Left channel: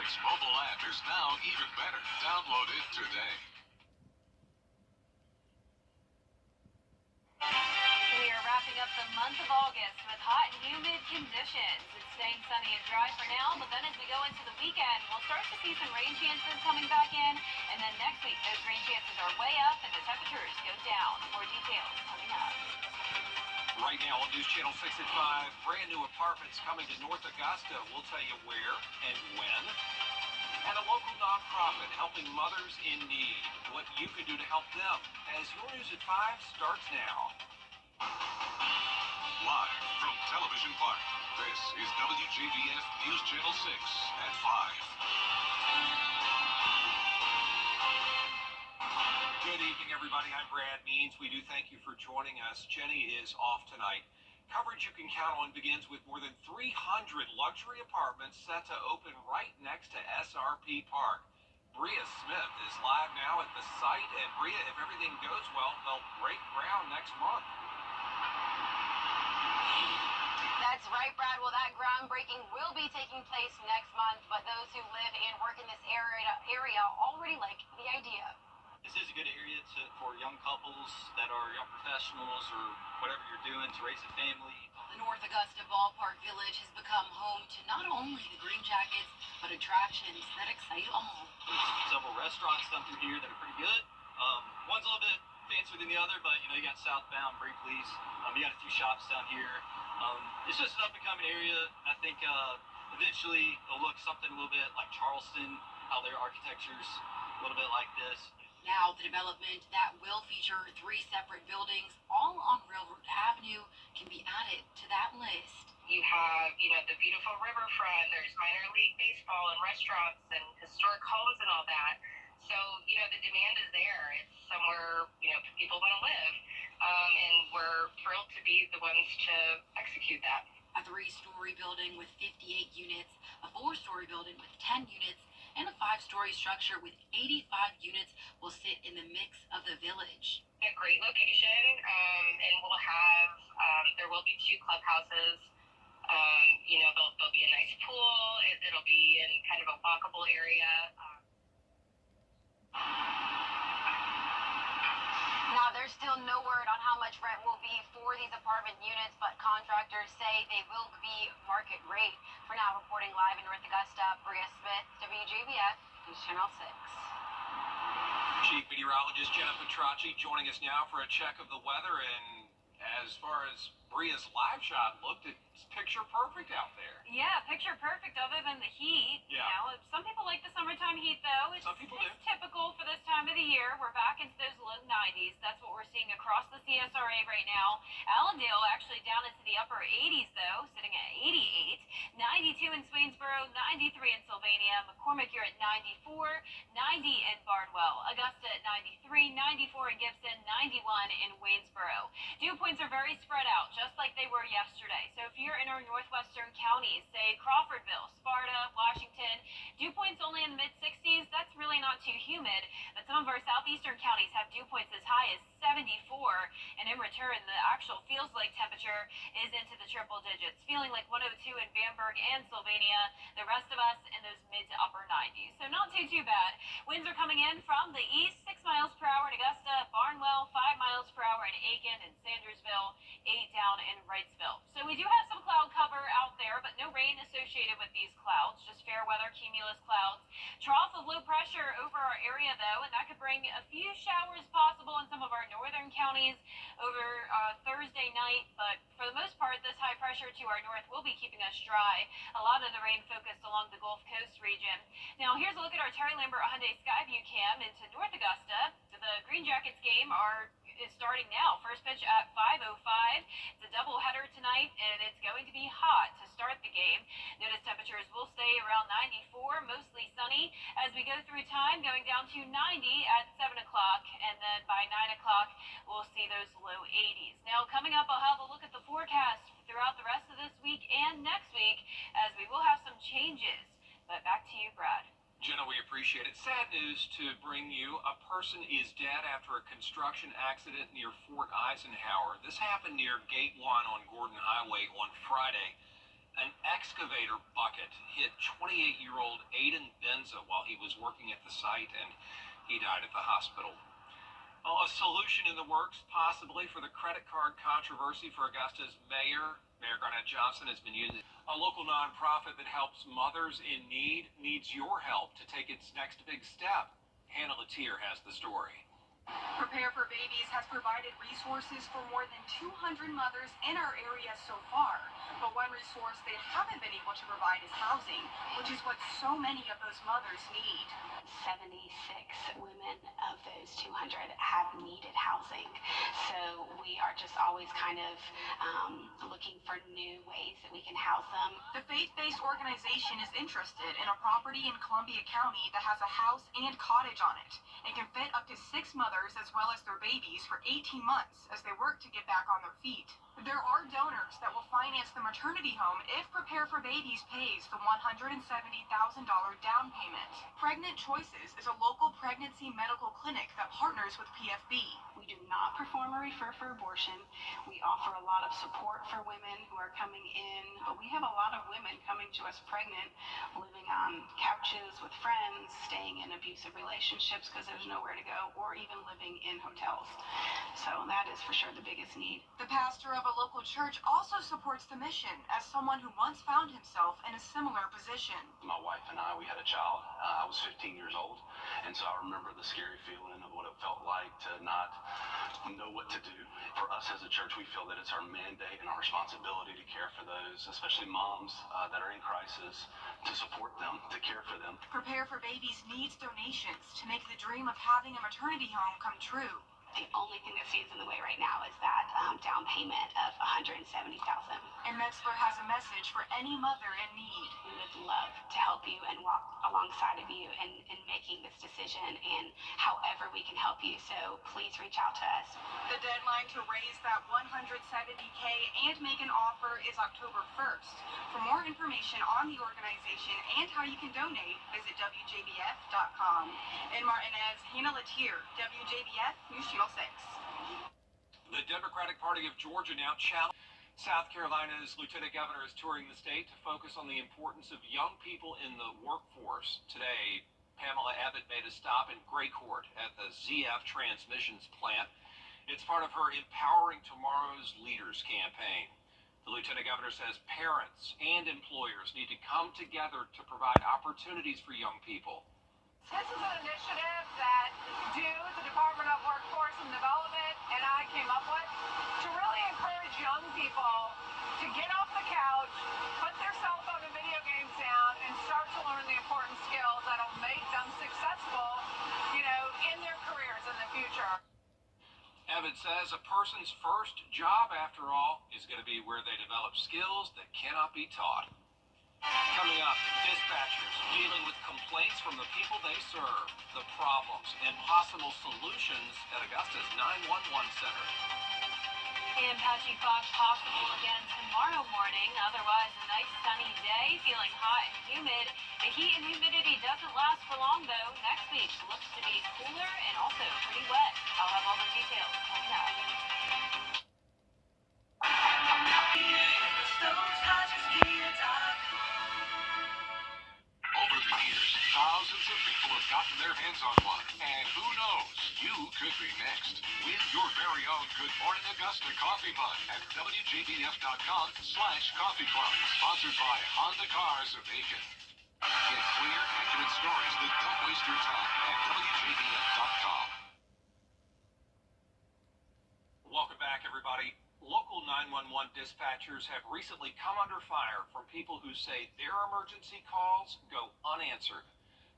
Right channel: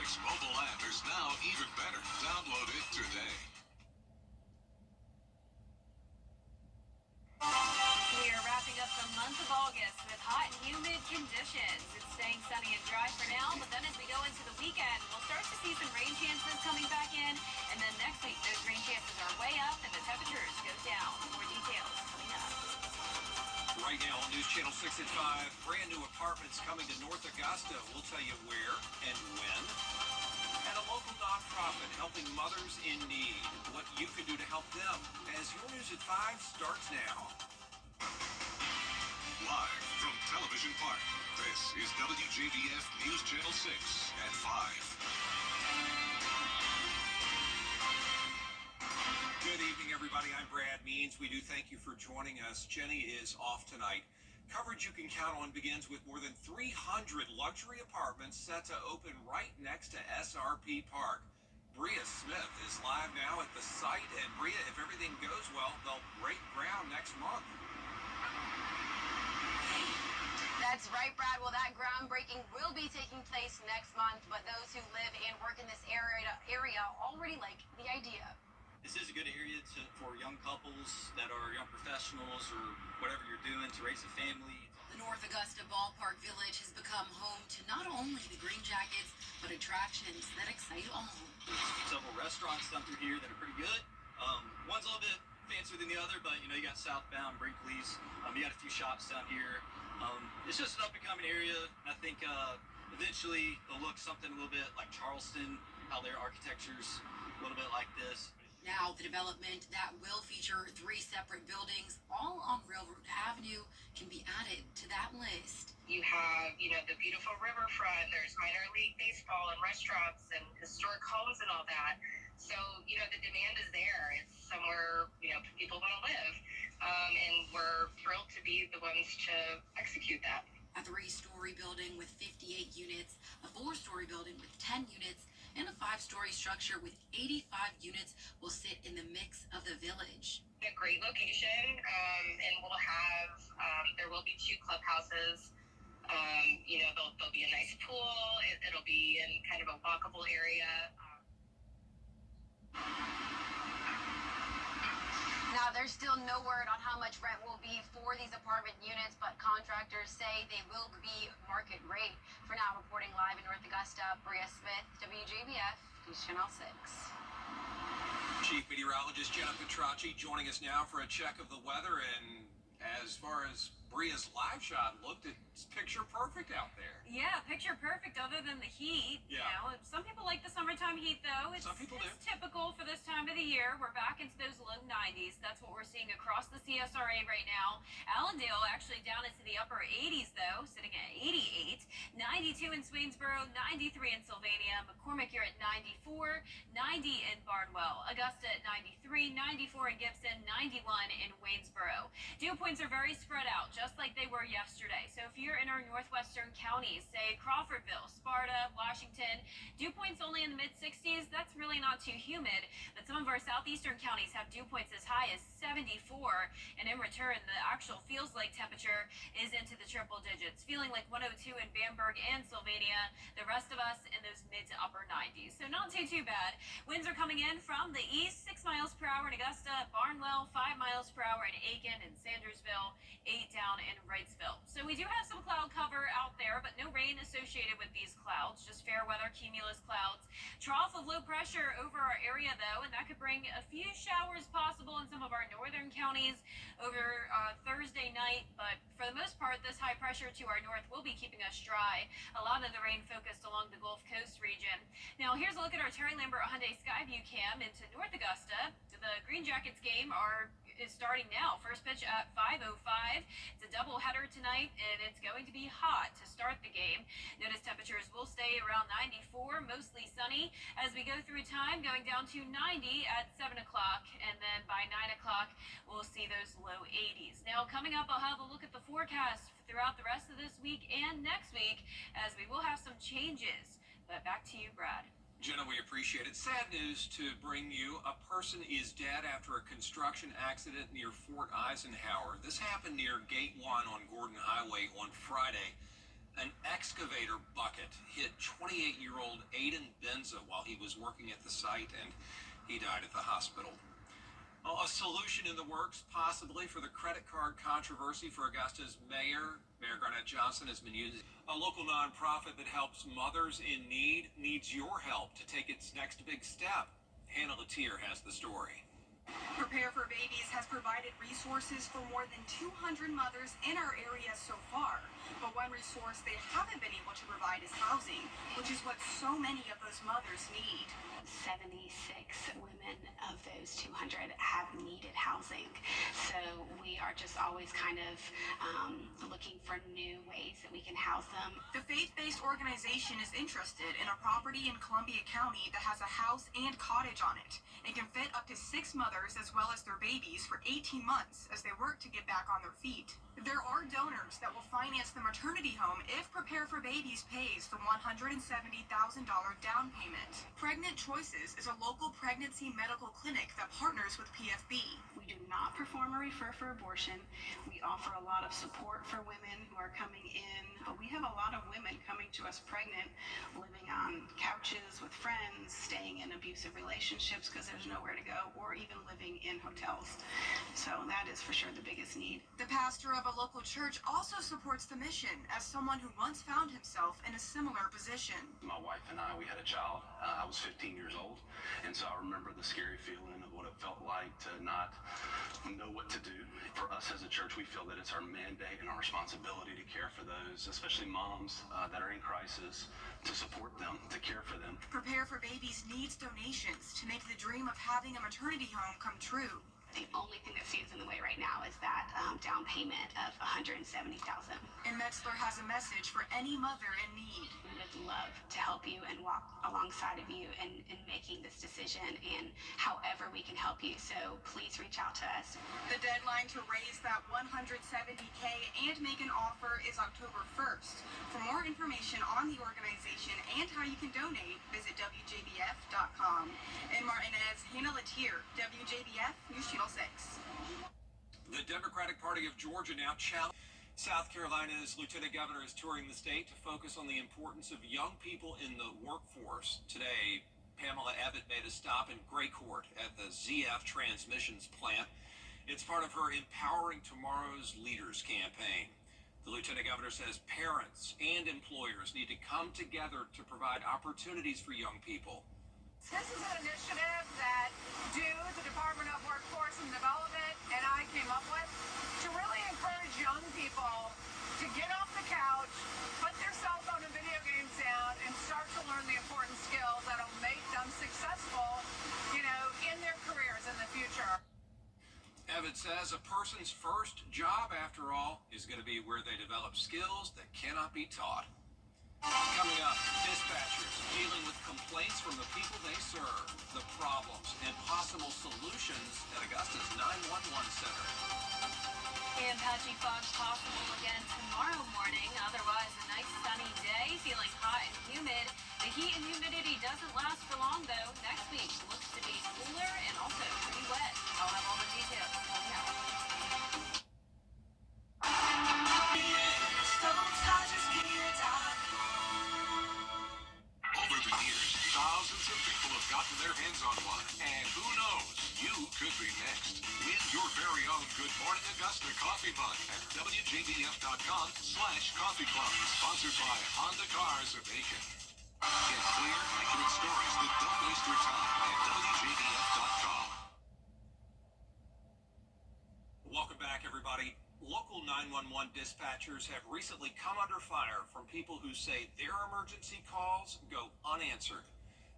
6 mobile app is now even better. Download it today. We are wrapping up the month of August with hot and humid conditions. It's staying sunny and dry for now, but then as we go into the weekend, we'll start to see some rain chances coming back in. And then next week, those rain chances are way up and the temperatures go down. More details coming up. Right now on News Channel 6 at 5, brand new apartments coming to North Augusta. We'll tell you where and when. And a local nonprofit helping mothers in need. What you can do to help them as your News at 5 starts now. Live from Television Park, this is WJBF News Channel 6 at 5. Good evening, everybody. I'm Brad Means. We do thank you for joining us. Jenny is off tonight. Coverage you can count on begins with more than 300 luxury apartments set to open right next to SRP Park. Bria Smith is live now at the site, and Bria, if everything goes well, they'll break ground next month. That's right, Brad. Well, that groundbreaking will be taking place next month, but those who live and work in this area already like the idea. This is a good area for young couples that are young professionals or whatever you're doing to raise a family. The North Augusta Ballpark Village has become home to not only the Green Jackets, but attractions that excite all. There's several restaurants down through here that are pretty good. One's a little bit fancier than the other, but you got Southbound, Brinkley's. You got a few shops down here. It's just an up-and-coming area. I think eventually it'll look something a little bit like Charleston, how their architecture's a little bit like this. Now, the development that will feature 3 separate buildings, all on Railroad Avenue, can be added to that list. You have, the beautiful riverfront. There's minor league baseball and restaurants and historic homes and all that. So, the demand is there. It's somewhere, people want to live. And we're thrilled to be the ones to execute that. A 3-story building with 58 units, a 4-story building with 10 units, and a 5-story structure with 85 units will sit in the mix of the village. A great location, and we'll have, there will be 2 clubhouses. There'll be a nice pool. It'll be in kind of a walkable area. Now, there's still no word on how much rent will be for these apartment units, but contractors say they will be market rate. For now, reporting live in North Augusta, Bria Smith, WJBF, News Channel 6. Chief Meteorologist Jenna Petracci joining us now for a check of the weather. And as far as Bria's live shot looked, it's picture perfect out there. Yeah, picture perfect other than the heat. Yeah. Some people like the summertime heat, though. Some people do. It's typical for this time of the year. We're back into those low 90s. That's what we're seeing across the CSRA right now. Allendale actually down into the upper 80s, though, sitting at 88. 92 in Swainsboro, 93 in Sylvania. McCormick, you're at 94. 90 in Barnwell. Augusta at 93. 94 in Gibson. 91 in Waynesboro. Dew points are very spread out, just like they were yesterday. So if you're in our northwestern counties, say Crawfordville, Sparta, Washington, dew points only in the mid-60s, that's really not too humid. But some of our southeastern counties have dew points as high as 74. And in return, the actual feels like temperature is into the triple digits, feeling like 102 in Bamberg and Sylvania. The rest of us in those mid to upper 90s. So not too bad. Winds are coming in from the east, 6 miles per hour in Augusta, Barnwell, 5 miles per hour in Aiken and Sandersville, 8 down in Wrightsville. So we do have some cloud cover out there, but no rain associated with these clouds, just fair weather cumulus clouds. Trough of low pressure over our area, though, and that could bring a few showers possible in some of our northern counties over Thursday night. But for the most part, this high pressure to our north will be keeping us dry. A lot of the rain focused along the Gulf Coast region. Now, here's a look at our Terry Lambert Hyundai Skyview cam into North Augusta. The Green Jackets game is starting now. First pitch at 5:05. It's a doubleheader tonight, and it's going to be hot to start the game. Notice temperatures will stay around 94, mostly sunny. As we go through time, going down to 90 at 7 o'clock, and then by 9 o'clock, we'll see those low 80s. Now, coming up, I'll have a look at the forecast throughout the rest of this week and next week, as we will have some changes. But back to you, Brad. Jenna, we appreciate it. Sad news to bring you. A person is dead after a construction accident near Fort Eisenhower. This happened near Gate 1 on Gordon Highway on Friday. An excavator bucket hit 28-year-old Aiden Benza while he was working at the site, and he died at the hospital. Well, a solution in the works, possibly, for the credit card controversy for Augusta's mayor. Mayor Garnett Johnson has been using a local nonprofit that helps mothers in need, needs your help to take its next big step. Hannah Latier has the story. Prepare for Babies has provided resources for more than 200 mothers in our area so far. But one resource they haven't been able to provide is housing, which is what so many of those mothers need. 76 women of those 200 have needed housing. So we are just always kind of looking for new ways that we can house them. The faith-based organization is interested in a property in Columbia County that has a house and cottage on it and can fit up to 6 mothers as well as their babies for 18 months as they work to get back on their feet. There are donors that will finance the maternity home if Prepare for Babies pays the $170,000 down payment. Pregnant Choices is a local pregnancy medical clinic that partners with PFB. We do not perform or refer for abortion. We offer a lot of support for women who are coming in, but we have a lot of women coming to us pregnant, living on couches with friends, staying in abusive relationships because there's nowhere to go, or even living in hotels. So that is for sure the biggest need. The pastor of a local church also supports the mission as someone who once found himself in a similar position. My wife and I, we had a child. I was 15 years old, and so I remember the scary feeling of what it felt like to not know what to do. For us as a church, we feel that it's our mandate and our responsibility to care for those, especially moms that are in crisis, to support them, to care for them. Prepare for Babies needs donations to make the dream of having a maternity home come true. The only thing that stands in the way right now is that down payment of $170,000. And Metzler has a message for any mother in need. We would love to help you and walk alongside of you in making this decision and however we can help you. So please reach out to us. The deadline to raise that $170K and make an offer is October 1st. For more information on the organization and how you can donate, visit WJBF.com. In Martinez, Hannah Latier, WJBF News Channel 6. The Democratic Party of Georgia now challenged. South Carolina's Lieutenant Governor is touring the state to focus on the importance of young people in the workforce. Today, Pamela Abbott made a stop in Graycourt at the ZF Transmissions plant. It's part of her Empowering Tomorrow's Leaders campaign. The Lieutenant Governor says parents and employers need to come together to provide opportunities for young people. This is an initiative that the Department of Workforce and Development and I came up with to really encourage young people to get off the couch, put their cell phone and video games down, and start to learn the important skills that will make them successful, in their careers in the future. Abbott says a person's first job, after all, is going to be where they develop skills that cannot be taught. Coming up, dispatchers dealing with complaints from the people they serve, the problems and possible solutions at Augusta's 911 center. And patchy fog possible again tomorrow morning. Otherwise, a nice sunny day, feeling hot and humid. The heat and humidity doesn't last for long, though. Next week looks to be cooler and also pretty wet. I'll have all the details coming up. Over the years, thousands of people have gotten their hands on one. And who knows, you could be next. Win your very own Good Morning Augusta coffee mug at WJBF.com/coffee club. Sponsored by Honda Cars of Aiken. Get clear, accurate stories that don't waste your time at WJBF.com. Welcome back, everybody. Local 911 dispatchers have recently come under fire from people who say their emergency calls go unanswered.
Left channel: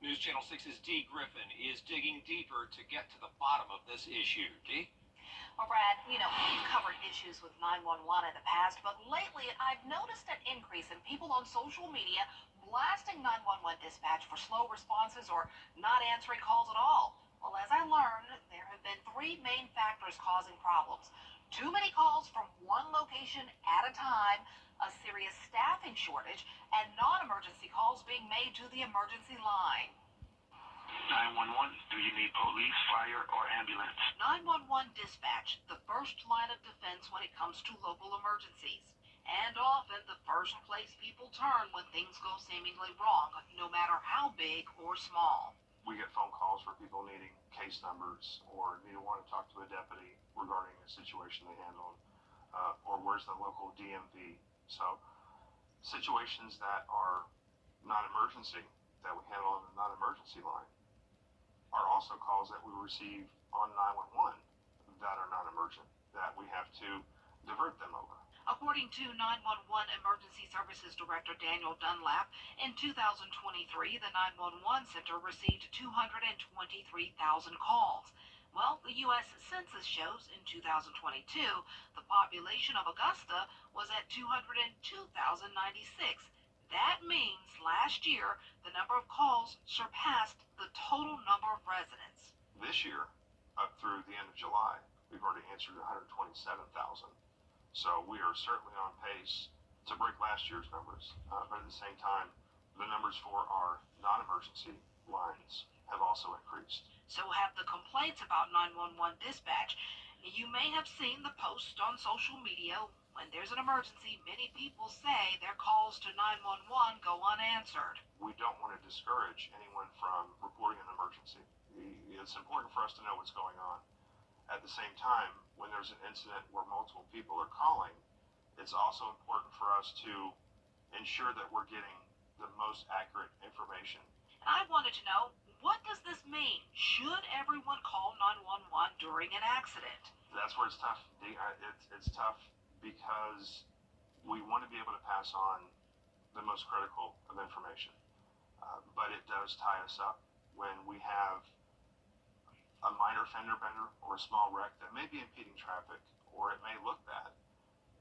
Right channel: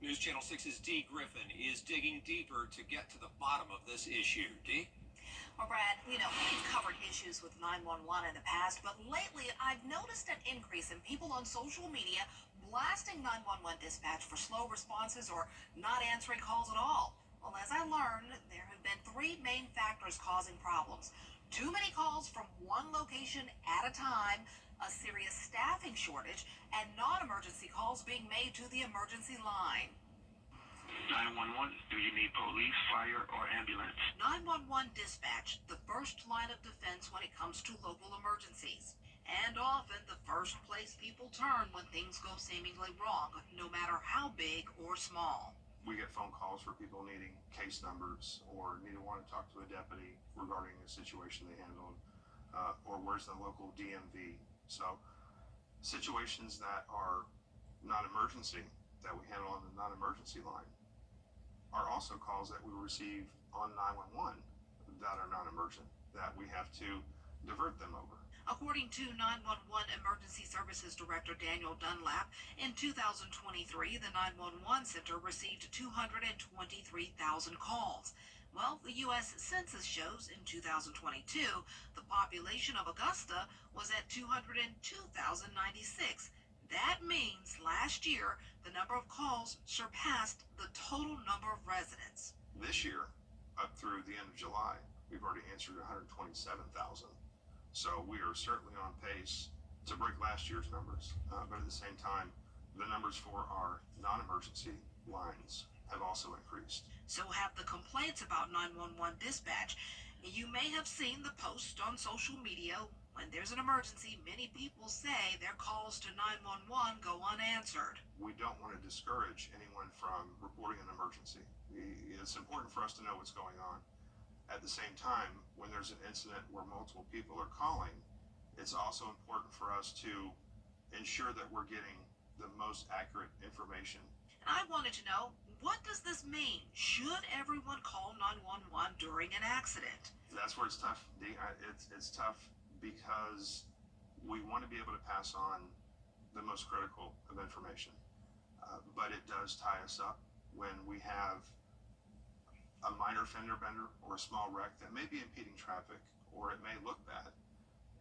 News Channel 6's Dee Griffin is digging deeper to get to the bottom of this issue. Dee? Well, Brad, we've covered issues with 911 in the past, but lately I've noticed an increase in people on social media blasting 911 dispatch for slow responses or not answering calls at all. Well, as I learned, there have been 3 main factors causing problems. Too many calls from one location at a time, a serious staffing shortage, and non-emergency calls being made to the emergency line. 911, do you need police, fire, or ambulance? 911 dispatch, the first line of defense when it comes to local emergencies. and often the first place people turn when things go seemingly wrong, no matter how big or small. We get phone calls for people needing case numbers or want to talk to a deputy regarding a situation they handled, or where's the local DMV. So situations that are non-emergency that we handle on the non-emergency line are also calls that we receive on 911 that are non-emergent, that we have to divert them over. According to 911 Emergency Services Director Daniel Dunlap, in 2023, the 911 Center received 223,000 calls. Well, the U.S. Census shows in 2022, the population of Augusta was at 202,096. That means last year, the number of calls surpassed the total number of residents. This year, up through the end of July, we've already answered 127,000. So we are certainly on pace to break last year's numbers. But at the same time, the numbers for our non-emergency lines have also increased. So have the complaints about 911 dispatch. You may have seen the post on social media. When there's an emergency, many people say their calls to 911 go unanswered. We don't want to discourage anyone from reporting an emergency. It's important for us to know what's going on. At the same time, when there's an incident where multiple people are calling, it's also important for us to ensure that we're getting the most accurate information. And I wanted to know, what does this mean? Should everyone call 911 during an accident? That's where it's tough. It's tough because we want to be able to pass on the most critical of information. But it does tie us up when we have a minor fender bender or a small wreck that may be impeding traffic, or it may look bad,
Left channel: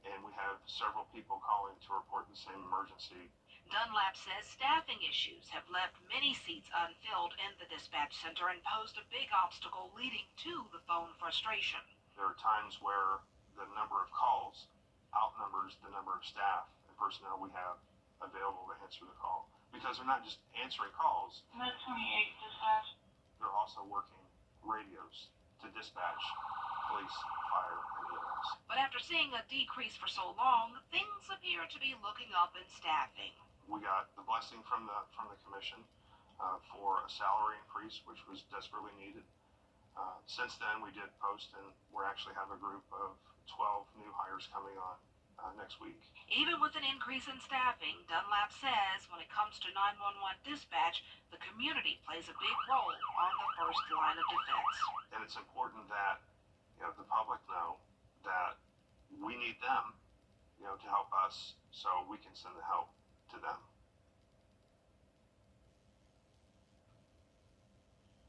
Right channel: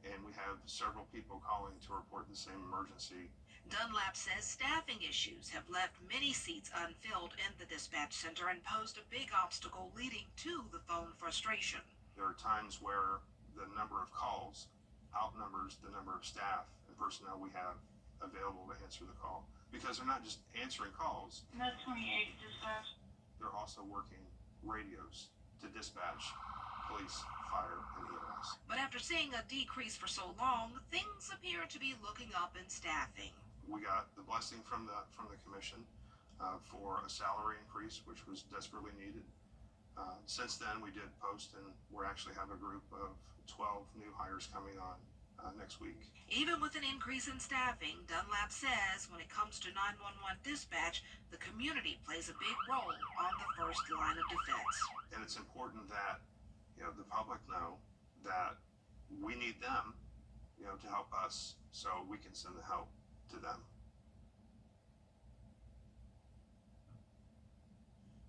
and we have several people calling to report the same emergency. Dunlap says staffing issues have left many seats unfilled in the dispatch center and posed a big obstacle leading to the phone frustration. There are times where the number of calls outnumbers the number of staff and personnel we have available to answer the call, because they're not just answering calls. Med 28 dispatch. They're also working radios to dispatch police, fire, and EMS. But after seeing a decrease for so long, things appear to be looking up in staffing. We got the blessing from the commission for a salary increase, which was desperately needed. Since then, we did post, and we actually have a group of 12 new hires coming on next week. Even with an increase in staffing, Dunlap says when it comes to 911 dispatch, the community plays a big role on the first line of defense. And it's important that the public know that we need them, to help us, so we can send the help to them.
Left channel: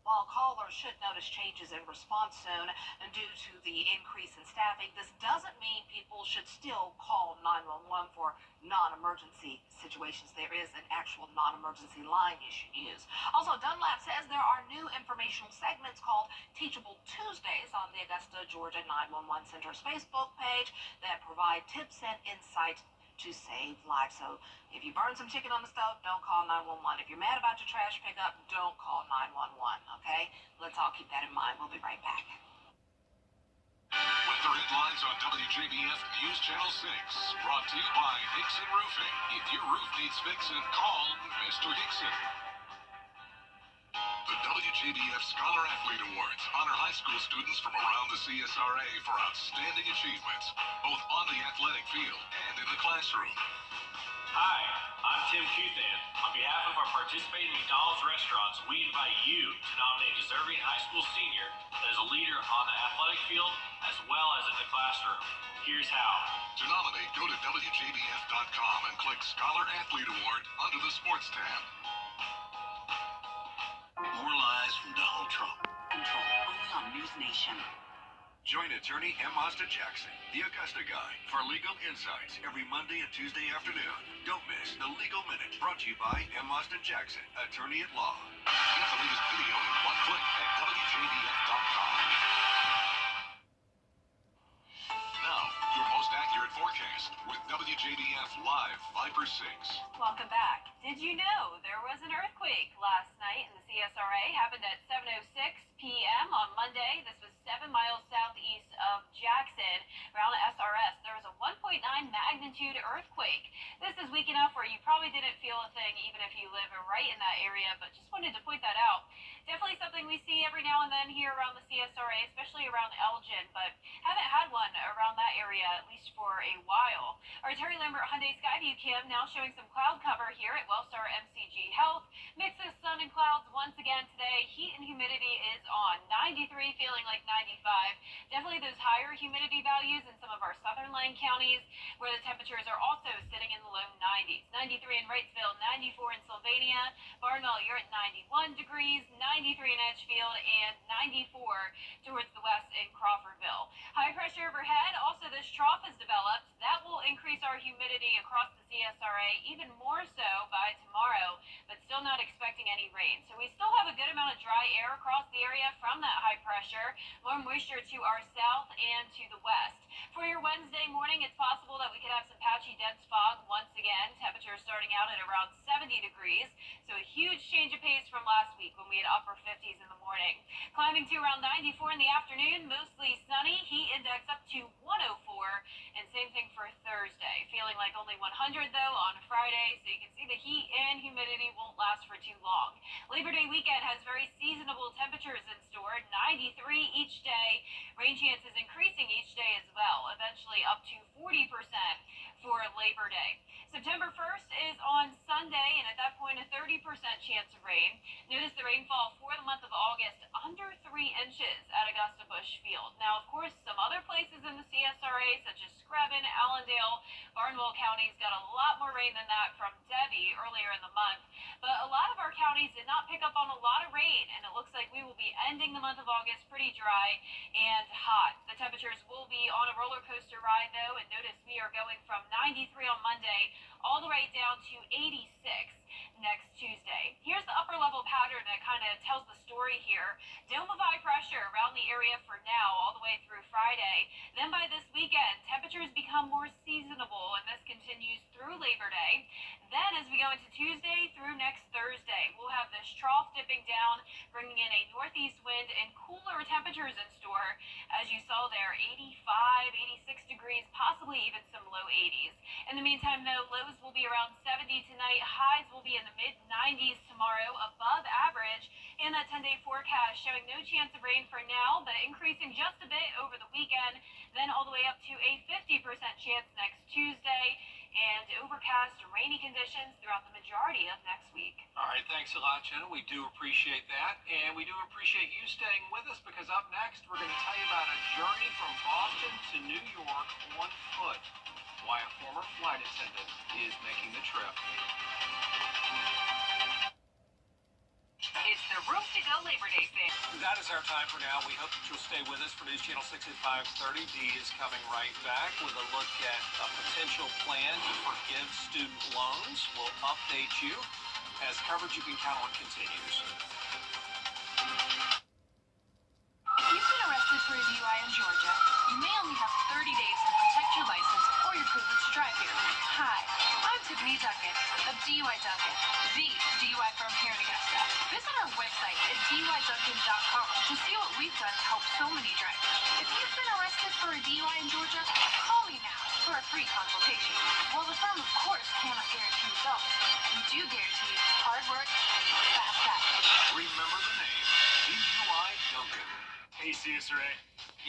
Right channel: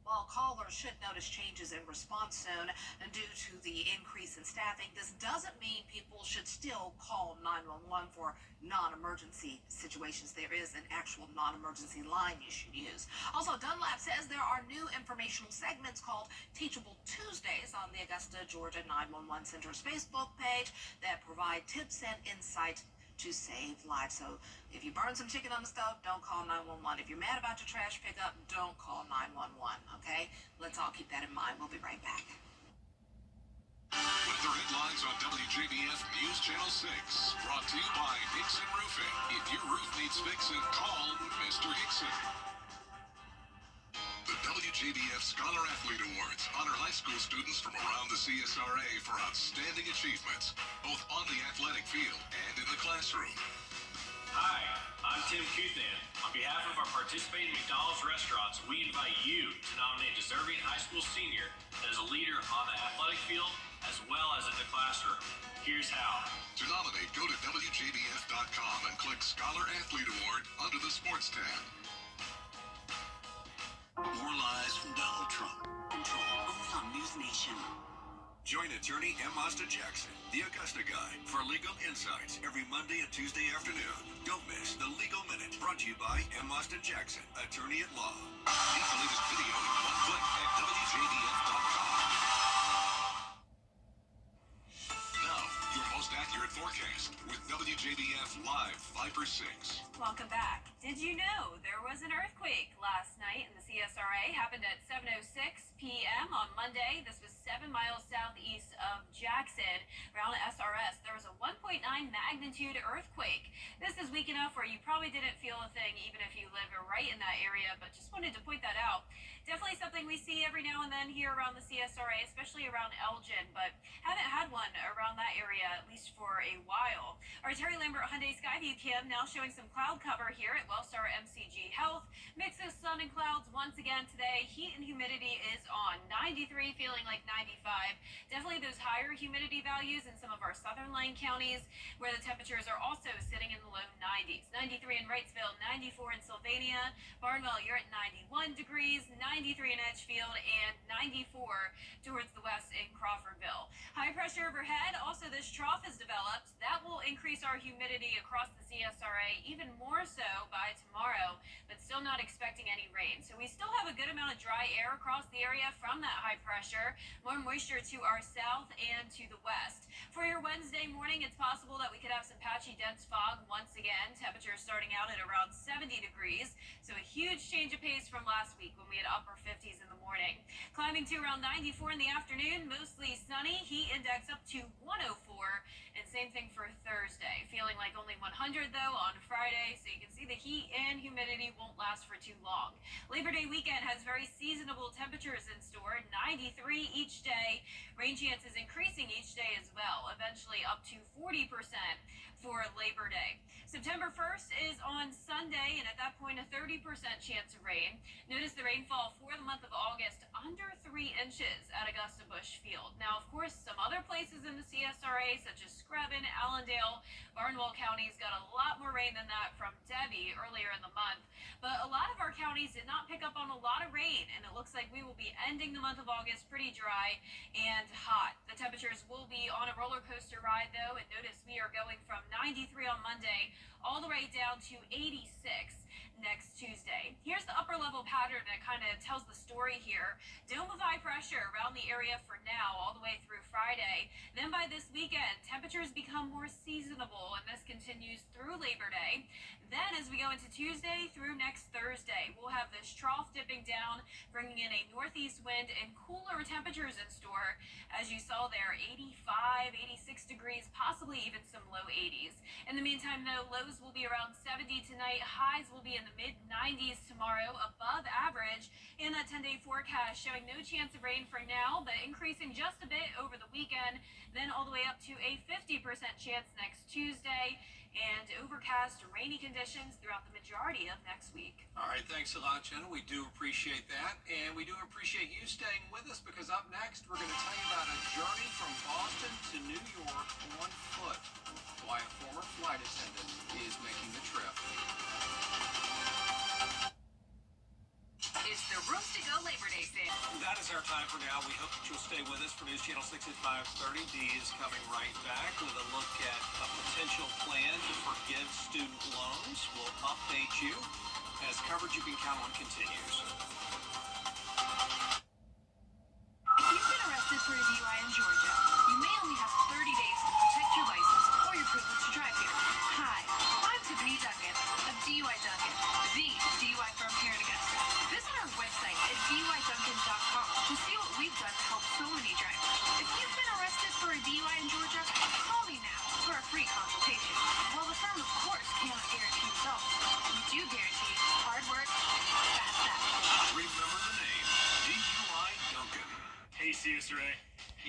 While callers should notice changes in response soon due to the increase in staffing, this doesn't mean people should still call 911 for non-emergency situations. There is an actual non-emergency line you should use. Also, Dunlap says there are new informational segments called Teachable Tuesdays on the Augusta, Georgia 911 Center's Facebook page that provide tips and insight to save lives. So if you burn some chicken on the stove, don't call 911. If you're mad about your trash pickup, don't call 911, okay? Let's all keep that in mind. We'll be right back. Weather headlines on WJBF News Channel 6. Brought to you by Hickson Roofing. If your roof needs fixing, call Mr. Hickson. The WJBF Scholar Athlete Awards honor high school students from around the CSRA for outstanding achievements, both on the athletic field and in the classroom. Hi, I'm Tim Cuthan. On behalf of our participating McDonald's restaurants, we invite you to nominate a deserving high school senior that is a leader on the athletic field as well as in the classroom. Here's how. To nominate, go to WJBF.com and click Scholar Athlete Award under the Sports tab. More lies from Donald Trump. Control only on News Nation. Join attorney M. Austin Jackson, the Augusta Guy, for legal insights every Monday and Tuesday afternoon. Don't miss the Legal Minute, brought to you by M. Austin Jackson, attorney at law. Get the latest video in one click at WJBF.com. Now, your most accurate forecast with WJBF Live, Viper 6. Welcome back. Did you know there was an earthquake last night in the CSRA? Happened at 7:06 p.m. on Monday. This was 7 miles southeast of Jackson, around SRS. There was a 1.9 magnitude earthquake. This is weak enough where you probably didn't feel a thing, even if you live right in that area, but just wanted to point that out. Definitely something we see every now and then here around the CSRA, especially around Elgin, but haven't had one around that area, at least for a while. Our Terry Lambert Hyundai Skyview cam now showing some cloud cover here at Wellstar MCG Health. Mix of sun and clouds once again today. Heat and humidity is on 93, feeling like 95. Definitely those higher humidity values in some of our southern Lane counties, where the temperatures are also sitting in the low 90s. 93 in Wrightsville, 94 in Sylvania. Barnwell, you're at 91 degrees, 93 in Edgefield, and 94 towards the west in Crawfordville. High pressure overhead. Also, this trough has developed. That will increase our humidity across the CSRA even more so by tomorrow, but still not expecting any rain. So we still have a good amount of dry air across the area from that high pressure. More moisture to our south and to the west. For your Wednesday morning, it's possible that we could have some patchy dense fog once again. Temperatures starting out at around 70 degrees. So a huge change of pace from last week when we had upper 50s in the morning. Climbing to around 94 in the afternoon, mostly sunny. Heat index up to 104. And same thing for Thursday. Feeling like only 100 though on Friday. So you can see the heat and humidity won't last for too long. Labor Day weekend has very seasonable temperatures in store. 93 each day. Rain chances increasing each day as well. Eventually up to 40% for Labor Day. September 1st is on Sunday, and at that point, a 30% chance of rain. Notice the rainfall for the month of August, under 3 inches at Augusta Busch Field. Now, of course, some other places in the CSRA, such as Screven, Allendale, Barnwell counties, got a lot more rain than that from Debbie earlier in the month. But a lot of our counties did not pick up on a lot of rain, and it looks like we will be ending the month of August pretty dry and hot. The temperatures will be on a roller coaster ride, though, and notice we are going from 93 on Monday all the way down to 86 next Tuesday. Here's the upper level pattern that kind of tells the story here. Dome of high pressure around the area for now, all the way through Friday. Then by this weekend, temperatures become more seasonable, and this continues through Labor Day. Then as we go into Tuesday through next Thursday, we'll have this trough dipping down, bringing in a northeast wind and cooler temperatures in store. As you saw there, 85, 86 degrees, possibly even some low 80s. In the meantime, though, lows will be around 70 tonight. Highs will be in the mid-90s tomorrow, above average. And that 10-day forecast showing no chance of rain for now, but increasing just a bit over the weekend, then all the way up to a 50% chance next Tuesday. And overcast, rainy conditions throughout the majority of next week. All right, thanks a lot, Jenna. We do appreciate that. And we do appreciate you staying with us, because up next, we're going to tell you about a journey from Boston to New York on foot. Why a former flight attendant is making the trip. It's the Rooms to Go Labor Day sale. That is our time for now. We hope that you'll stay with us for News Channel 6 at 5:30. Dee is coming right back with a look at a potential plan to forgive student loans. We'll update you as coverage you can count on continues. If you've been arrested for a DUI in Georgia, you may only have 30 days to protect your license or your privilege to drive here. Hi, I'm Tiffany Duncan of DUI Duncan, the DUI firm here in Augusta. Visit our website at DUIDuncan.com to see what we've done to help so many drivers. If you've been arrested for a DUI in Georgia, call me now for a free consultation. While the firm, of course, cannot guarantee results, we do guarantee hard work, fast action. Remember the name, DUI Duncan. Hey, CSRA.